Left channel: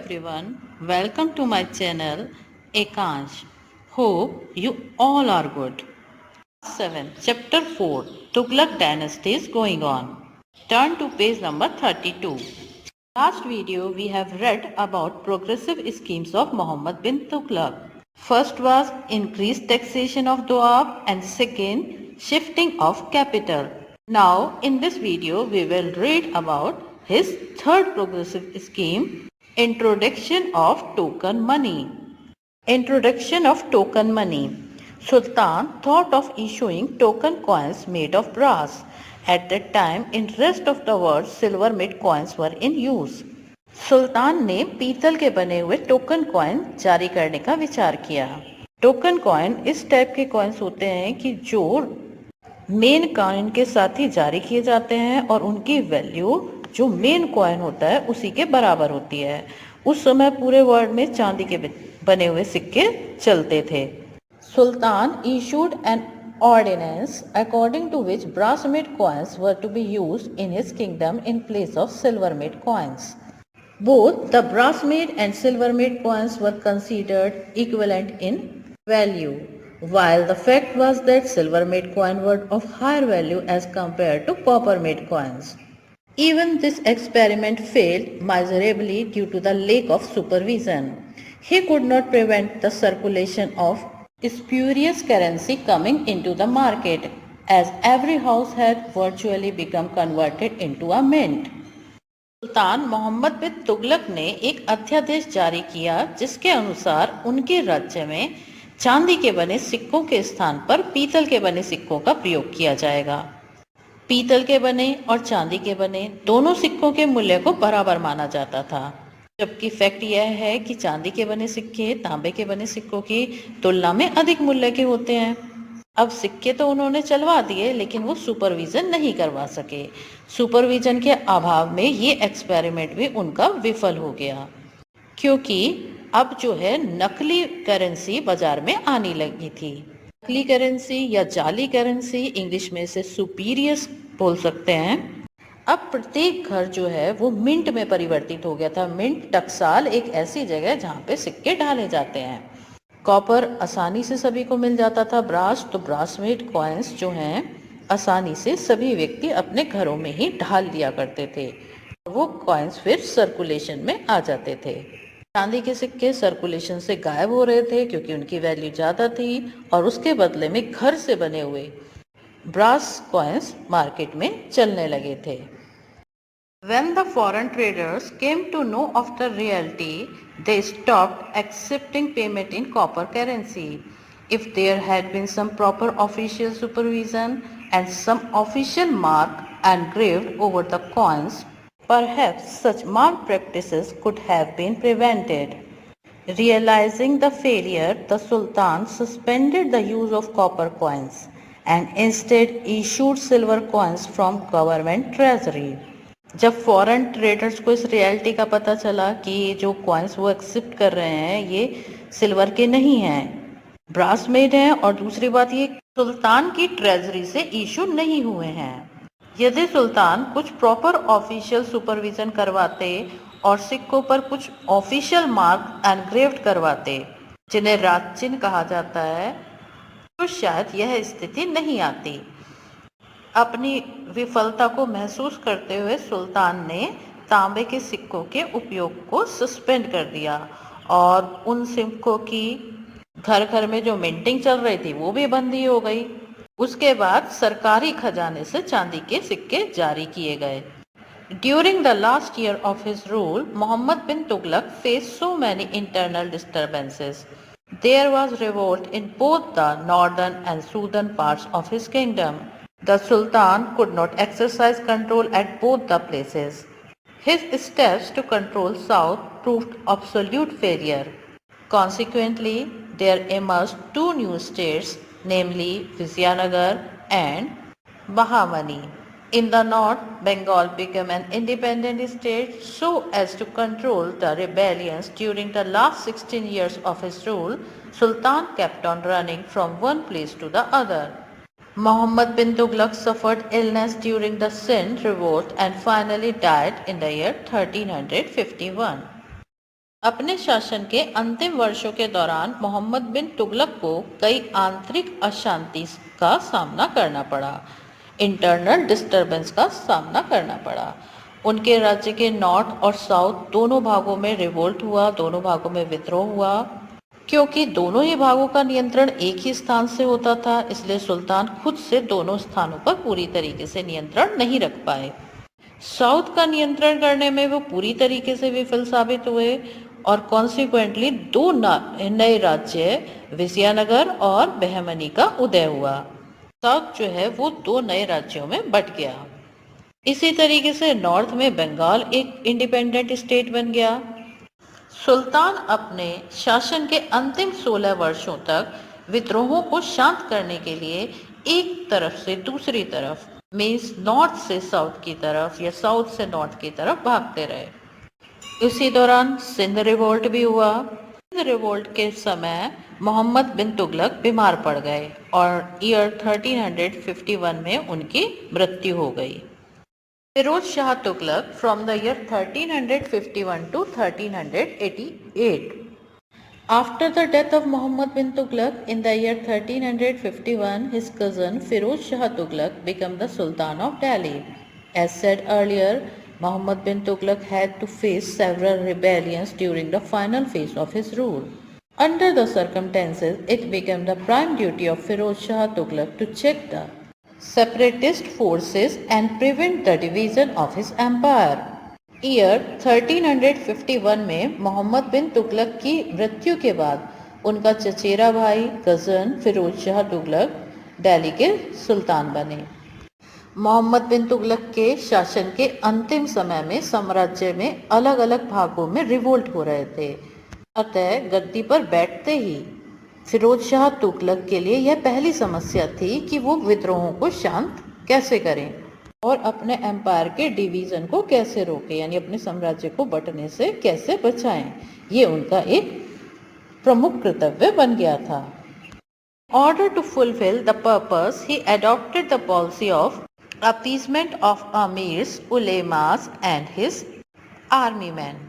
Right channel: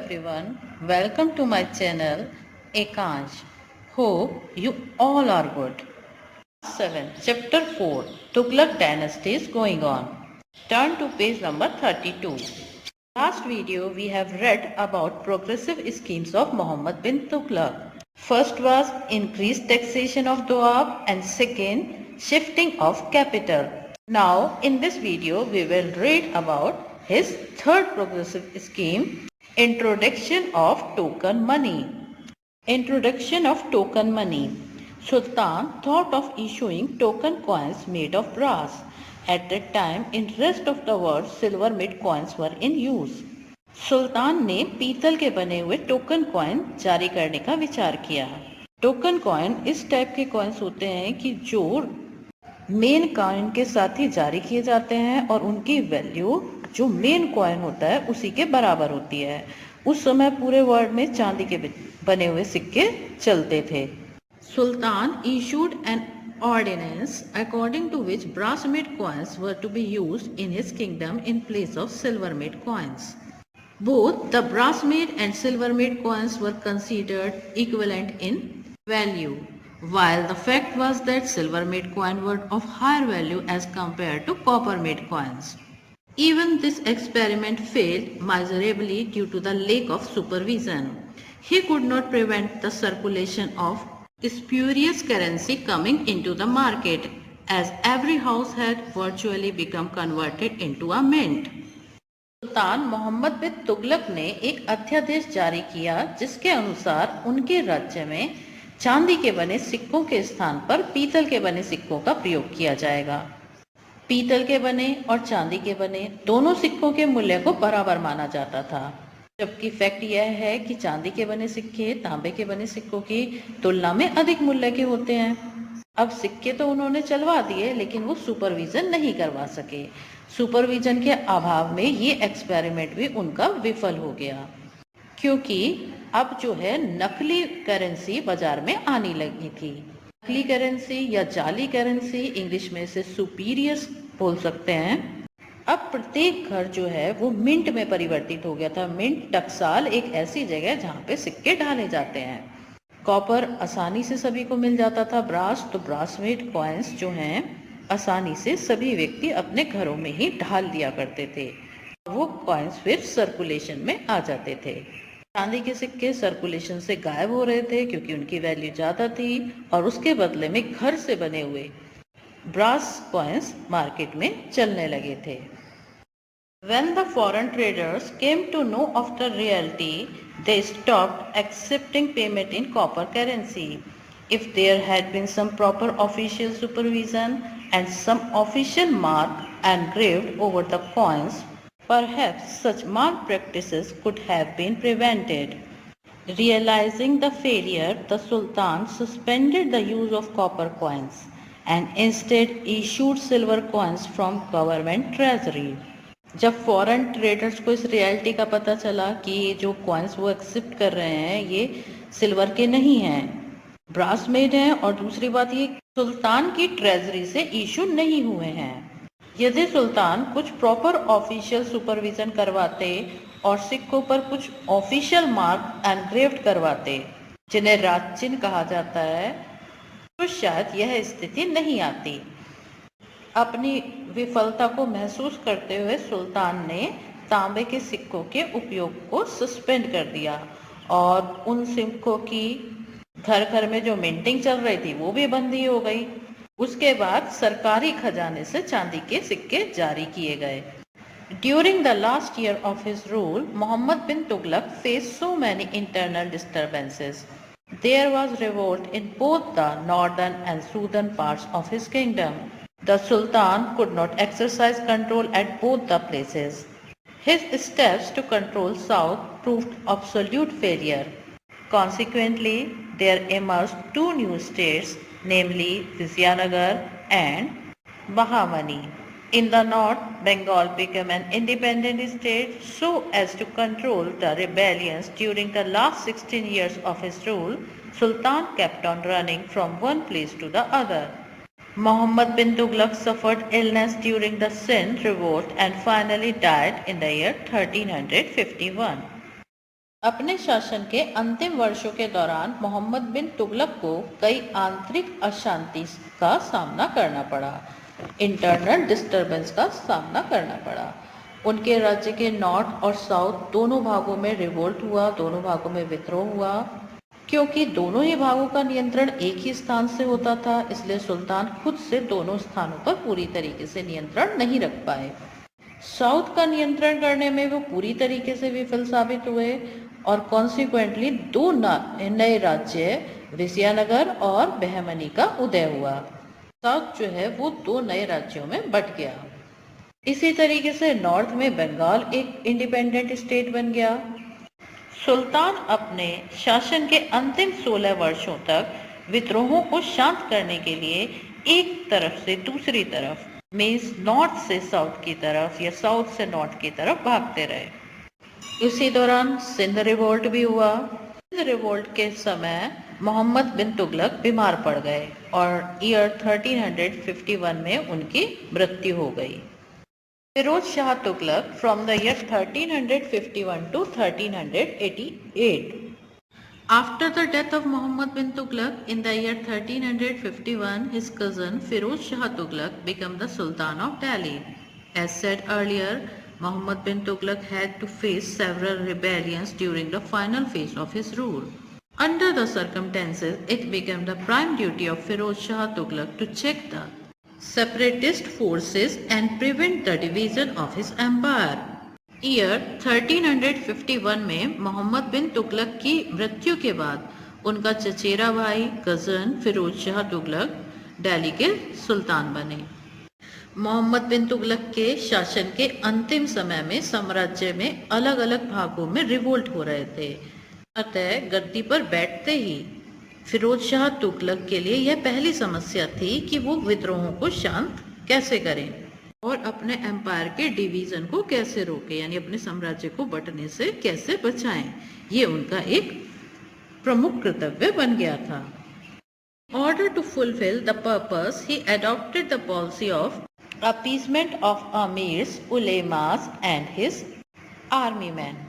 everyone, welcome to my channel Ekansh. Hope you all are good. 7. Chapter 4 Tughlaq Dynasty is going on. Turn to page number 32. Last video we have read about progressive schemes of Muhammad bin Tughlaq. First was increased taxation of Doab and second shifting of capital. Now in this video we will read about his third progressive scheme, introduction of token money. Introduction of token money. Sultan thought of issuing token coins made of brass. At that time, in rest of the world, silver made coins were in use. सुल्तान ने पीतल के बने हुए token coin जारी करने का विचार किया। टोकन कॉइन इस टाइप के कॉइन्स होते हैं कि जो मेन कॉइन के साथ ही जारी किए जाते हैं और उनकी वैल्यू जो मेन कॉइन होता है उसी के बराबर होती है। उस समय पूरे वर्ल्ड में चांदी के बने हुए सिक्के चलते थे। सुल्तान issued an ordinance according to which brass made coins were to be used in his kingdom in place of silver made coins. Both the brass made and silver made coins were considered equivalent in value, while the fact was that silver made coins were of higher value as compared to copper made coins. Even this experiment failed miserably due to the lack of supervision. He could not prevent the circulation of spurious currency coming into the market, as every house had virtually become converted into a mint. सुल्तान मोहम्मद बिन तुगलक ने एक अध्यादेश जारी किया जिसके अनुसार उनके राज्य में चांदी के बने सिक्कों के स्थान पर पीतल के बने सिक्कों का प्रयोग किया जाएगा। पीतल के बने और चांदी के बने दोनों सिक्कों के मूल्य को बराबर माना जाता था, जबकि फैक्ट यह है कि चांदी के बने सिक्के तांबे के बने सिक्कों की तुलना में अधिक मूल्य के होते हैं। अब सिक्के तो उन्होंने चलवा दिए लेकिन वो सुपरविजन नहीं करवा सके। सुपरविजन के अभाव में ये एक्सपेरिमेंट भी उनका विफल हो गया, क्योंकि अब जो है नकली करेंसी बाजार में आने लगी थी। नकली करेंसी या जाली करेंसी, इंग्लिश में इसे सुपीरियस बोल सकते हैं। अब प्रत्येक घर जो है वो मिंट में परिवर्तित हो गया था। मिंट टकसाल एक ऐसी जगह जहाँ पे सिक्के डाले जाते हैं। कॉपर आसानी से सभी को मिल जाता था। ब्रास तो ब्रास मेड कॉइन्स जो हैं आसानी से सभी व्यक्ति अपने घरों में ही ढाल दिया करते थे। वो कॉइन्स फिर सर्कुलेशन में आ जाते थे। चांदी के सिक्के सर्कुलेशन से गायब हो रहे थे क्योंकि उनकी वैल्यू ज़्यादा थी और उसके बदले में घर से बने हुए ब्रास कॉइन्स मार्केट में चलने लगे थे। When the foreign traders came to know of the reality, they stopped accepting payment in copper currency. If there had been some proper official supervision and some official mark engraved over the coins, perhaps such malpractices could have been prevented. Realizing the failure, the Sultan suspended the use of copper coins and instead issued silver coins from government treasury. जब foreign traders को इस reality का पता चला कि जो coins वो accept कर रहे हैं ये सिल्वर के नहीं हैं, ब्रास मेड हैं, और दूसरी बात ये सुल्तान की ट्रेजरी से इशू नहीं हुए हैं। यदि सुल्तान कुछ प्रॉपर ऑफिशियल सुपरविजन करवाते और सिक्कों पर कुछ ऑफिशियल मार्क एनग्रेव्ड करवाते जिन्हें राज चिन्ह कहा जाता है, तो शायद यह स्थिति नहीं आती। अपनी विफलता को महसूस करते हुए सुल्तान ने तांबे के सिक्कों के उपयोग को सस्पेंड कर दिया और उन सिक्कों की घर घर में जो मिंटिंग चल रही थी वो भी बंदी हो गई। उसके बाद सरकारी खजाने से चांदी के सिक्के जारी किए गए। During the last year of his rule, Muhammad bin Tughlaq faced so many internal disturbances. There was revolt in both the northern and southern parts of his kingdom. The Sultan could not exercise control at both the places. His steps to control south proved absolute failure. Consequently, there emerged two new states, namely Vizianagar and Bahamani. In the north, Bengal became an independent state so as to control the rebellions during the last 16 years of his rule. Sultan kept on running from one place to the other. Muhammad bin Tughlaq suffered illness during the Sindh revolt and finally died in the year 1351. अपने शासन के अंतिम वर्षों के दौरान मोहम्मद बिन तुगलक को कई आंतरिक अशांति का सामना करना पड़ा, इंटरनल डिस्टरबेंस का सामना करना पड़ा। उनके राज्य के नॉर्थ और साउथ दोनों भागों में रिवोल्ट हुआ, दोनों भागों में विद्रोह हुआ। क्योंकि दोनों ही भागों का नियंत्रण एक ही स्थान से होता था, इसलिए सुल्तान खुद से दोनों स्थानों पर पूरी तरीके से नियंत्रण नहीं रख पाए। साउथ का नियंत्रण करने में वो पूरी तरीके से विफल साबित हुए और कॉन्सिक्वेंटली दो नए राज्य विजयनगर और बहमनी का उदय हुआ। साउथ जो है वो दो नए राज्यों में बट गया। इसी तरीके से नॉर्थ में बंगाल एक इंडिपेंडेंट स्टेट बन गया। सुल्तान अपने शासन के अंतिम 16 वर्षों तक विद्रोहों को शांत करने के लिए एक तरफ से दूसरी तरफ, मीन्स नॉर्थ से साउथ की तरफ या साउथ से नॉर्थ की तरफ भागते रहे। इसी दौरान सिंध रिवोल्ट भी हुआ। सिंध रिवोल्ट के समय मोहम्मद बिन तुगलक बीमार पड़ गए और ईयर 1351 में उनकी मृत्यु हो गई। Firoz Shah Tughlaq from the year 1351 to 1388. After the death of Muhammad bin Tughlaq in the year 1351, his cousin Firoz Shah Tughlaq became the Sultan of Delhi. As said earlier, Muhammad bin Tughlaq had to face several rebellions during the final phase of his rule. Under the circumstances, it became the prime duty of Firoz Shah Tughlaq to check the separatist forces and prevent the division of his empire. Year 1351 में मोहम्मद बिन तुगलक की मृत्यु के बाद उनका चचेरा भाई cousin Firoz Shah Tughlaq Delhi के सुल्तान बने। मोहम्मद बिन तुगलक के शासन के अंतिम समय में साम्राज्य में अलग अलग भागों में रिवोल्ट हो रहे थे, अतः गद्दी पर बैठते ही फिरोज शाह तुगलक के लिए यह पहली समस्या थी कि वो विद्रोहों को शांत कैसे करें और अपने एम्पायर के डिवीजन को कैसे रोकें, यानी अपने साम्राज्य को बंटने से कैसे बचाएं। ये उनका एक प्रमुख कर्तव्य बन गया था। Order to fulfil the purpose he adopted the policy of appeasement of amirs, ulemas and his army man.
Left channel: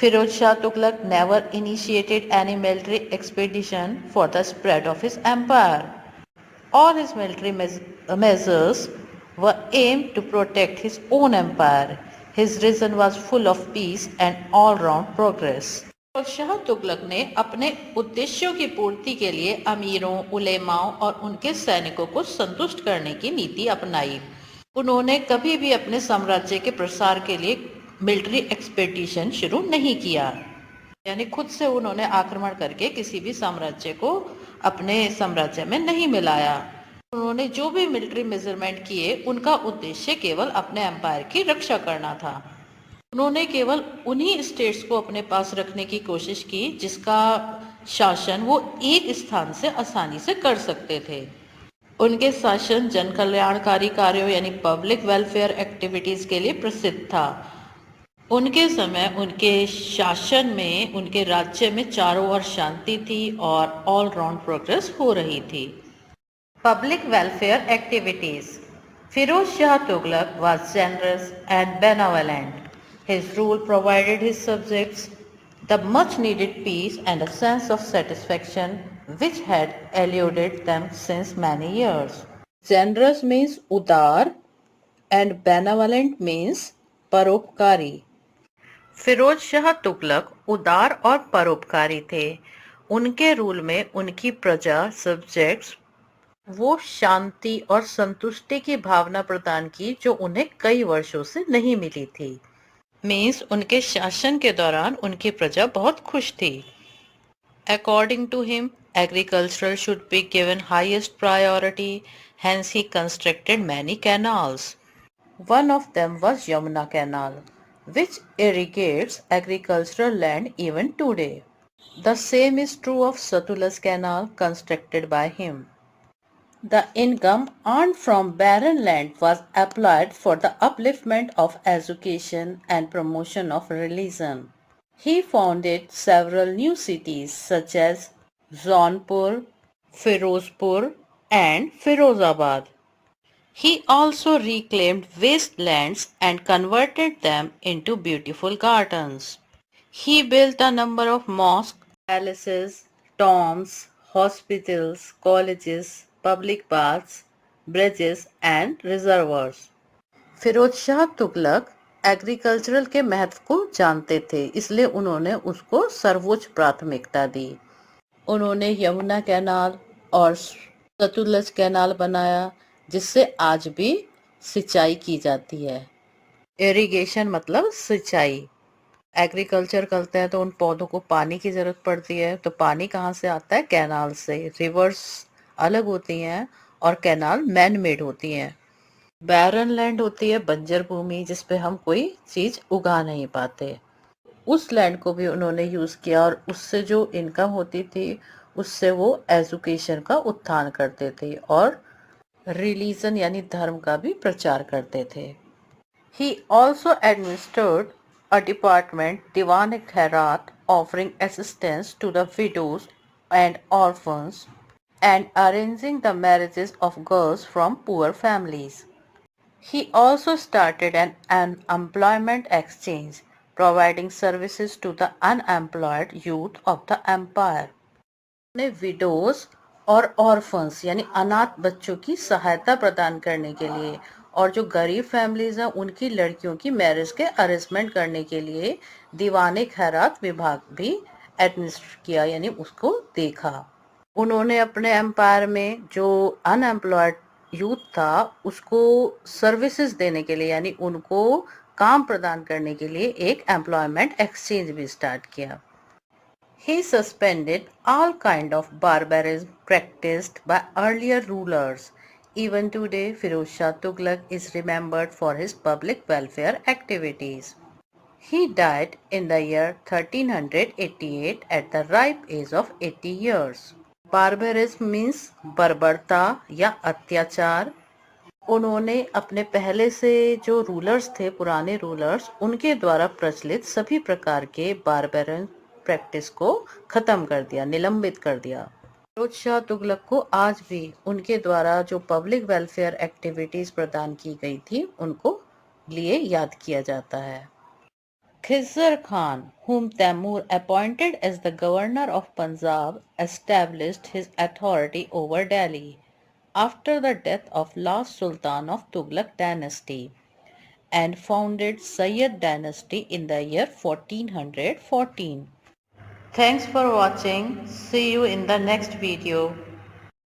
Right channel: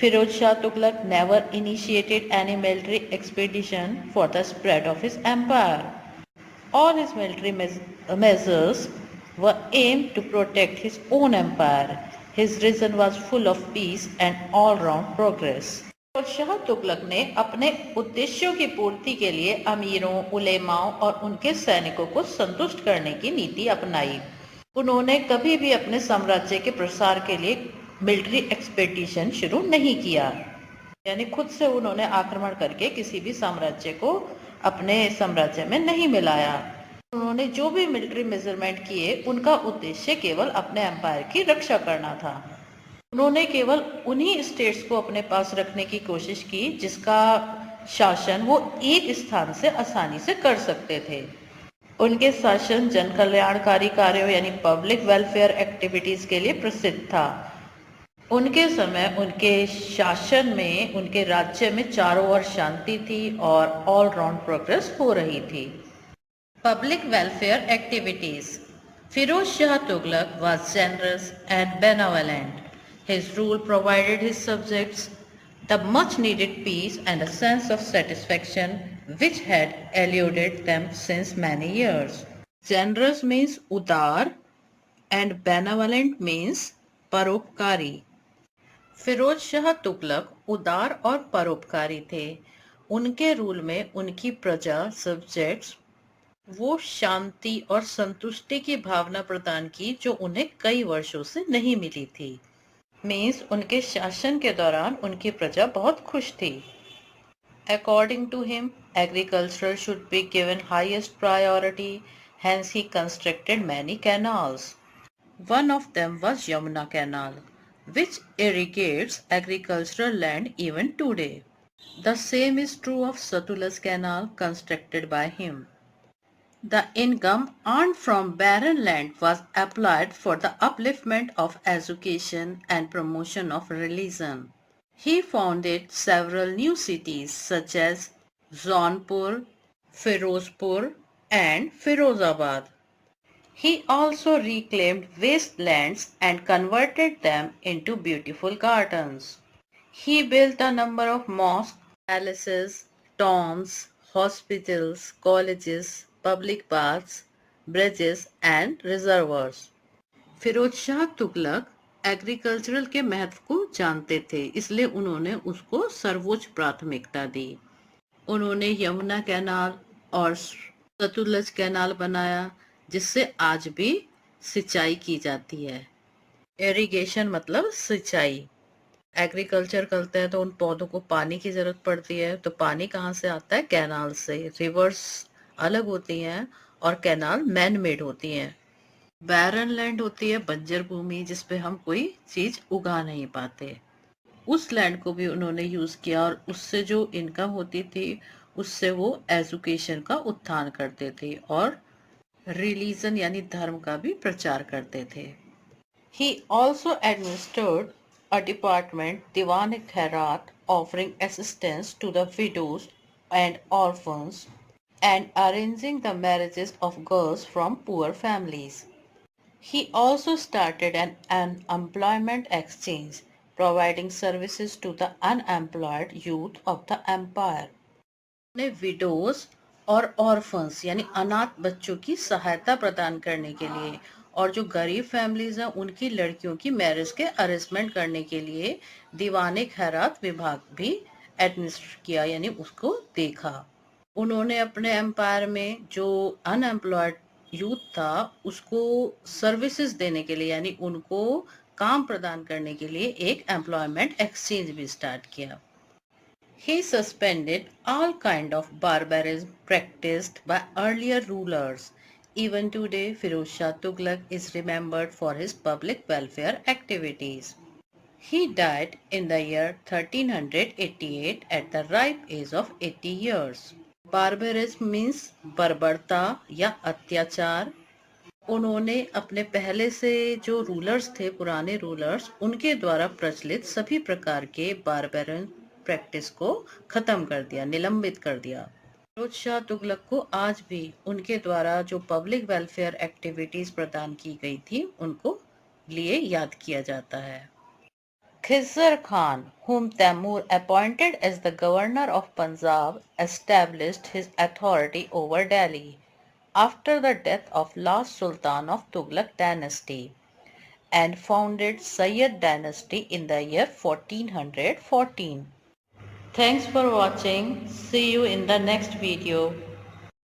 Firoz Shah Tughlaq never initiated any military expedition for the spread of his empire. All his military measures were aimed to protect his own empire. His reign was full of peace and all-round progress. Firoz Shah Tughlaq ने अपने उद्देश्यों की पूर्ति के लिए अमीरों, उलेमाओं और उनके सैनिकों को संतुष्ट करने की नीति अपनाई। उन्होंने कभी भी अपने साम्राज्य के प्रसार के लिए मिलिट्री एक्सपेडिशन शुरू नहीं किया, यानी खुद से उन्होंने आक्रमण करके किसी भी साम्राज्य को अपने साम्राज्य में नहीं मिलाया। उन्होंने जो भी मिलिट्री मेजरमेंट किए उनका उद्देश्य केवल अपने एम्पायर की रक्षा करना था। उन्होंने केवल उन्हीं स्टेट्स को अपने पास रखने की कोशिश की जिसका शासन वो एक स्थान से आसानी से कर सकते थे। उनके शासन जन कल्याणकारी कार्यों यानी पब्लिक वेलफेयर एक्टिविटीज के लिए प्रसिद्ध था। उनके समय उनके शासन में उनके राज्य में चारों ओर शांति थी और ऑल राउंड प्रोग्रेस हो रही थी। Public welfare activities. Firoz Shah Tughlaq was generous and benevolent. His rule provided his subjects the much needed peace and a sense of satisfaction which had eluded them since many years. Generous means उदार and benevolent means परोपकारी। फिरोज शाह तुगलक उदार और परोपकारी थे। उनके rule में उनकी प्रजा सब्जेक्ट्स वो शांति और संतुष्टि की भावना प्रदान की जो उन्हें कई वर्षों से नहीं मिली थी। मीन्स उनके शासन के दौरान उनकी प्रजा बहुत खुश थी। According to him agriculture should be given highest priority, hence he constructed many canals. One of them was Yamuna Canal, which irrigates agricultural land even today. The same is true of Satluj Canal constructed by him. The income earned from barren land was applied for the upliftment of education and promotion of religion. He founded several new cities such as Jaunpur, Firozpur and Firozabad. He also reclaimed wastelands and converted them into beautiful gardens. He built a number of mosques, palaces, tombs, hospitals, colleges, public baths, bridges and reservoirs. Firoz Shah Tughlaq agricultural के महत्व को जानते थे, इसलिए उन्होंने उसको सर्वोच्च प्राथमिकता दी। उन्होंने यमुना कैनाल और सतलुज कैनाल बनाया, जिससे आज भी सिंचाई की जाती है। इरिगेशन मतलब सिंचाई। एग्रीकल्चर करते हैं तो उन पौधों को पानी की जरूरत पड़ती है, तो पानी कहाँ से आता है? कैनाल से। रिवर्स अलग होती हैं और कैनाल मैन मेड होती हैं। बैरन लैंड होती है, बंजर भूमि, जिसपे हम कोई चीज उगा नहीं पाते। उस लैंड को भी उन्होंने यूज किया और उससे जो इनकम होती थी उससे वो एजुकेशन का उत्थान करते थे और रिलीजन यानी धर्म का भी प्रचार करते थे। He also administered a department Diwan Khairat offering assistance to the widows and orphans and arranging the marriages of girls from poor families. He also started an employment exchange, providing services to the unemployed youth of the empire. ने widows और orphans यानी अनाथ बच्चों की सहायता प्रदान करने के लिए और जो गरीब फैमिलीज हैं उनकी लड़कियों की मैरिज के अरेंजमेंट करने के लिए दीवाने खैरात विभाग भी एडमिनिस्ट्रेट किया, यानी उसको देखा। उन्होंने अपने एम्पायर में जो अनएम्प्लॉयड यूथ था उसको सर्विसेज देने के लिए यानी उनको काम प्रदान करने के लिए एक एम्प्लॉयमेंट एक्सचेंज भी स्टार्ट किया। He suspended all kind of barbarism practiced by earlier rulers. Even today, Firoz Shah Tughlaq is remembered for his public welfare activities. He died in the year 1388 at the ripe age of 80 years. Barbarism means बर्बरता या अत्याचार। उन्होंने अपने पहले से जो rulers थे, पुराने रूलर्स, उनके द्वारा प्रचलित सभी प्रकार के बारबेरन प्रैक्टिस को खत्म कर दिया, निलंबित कर दिया। फिरोज शाह तुगलक को आज भी उनके द्वारा जो पब्लिक वेलफेयर एक्टिविटीज प्रदान की गई थी उनको लिए याद किया जाता है। Khizr Khan, whom Taimur appointed as the governor of Punjab, established his authority over Delhi after the death of last Sultan of Tughlaq dynasty and founded Sayyid dynasty in the year 1414. Thanks for watching. See you in the next video.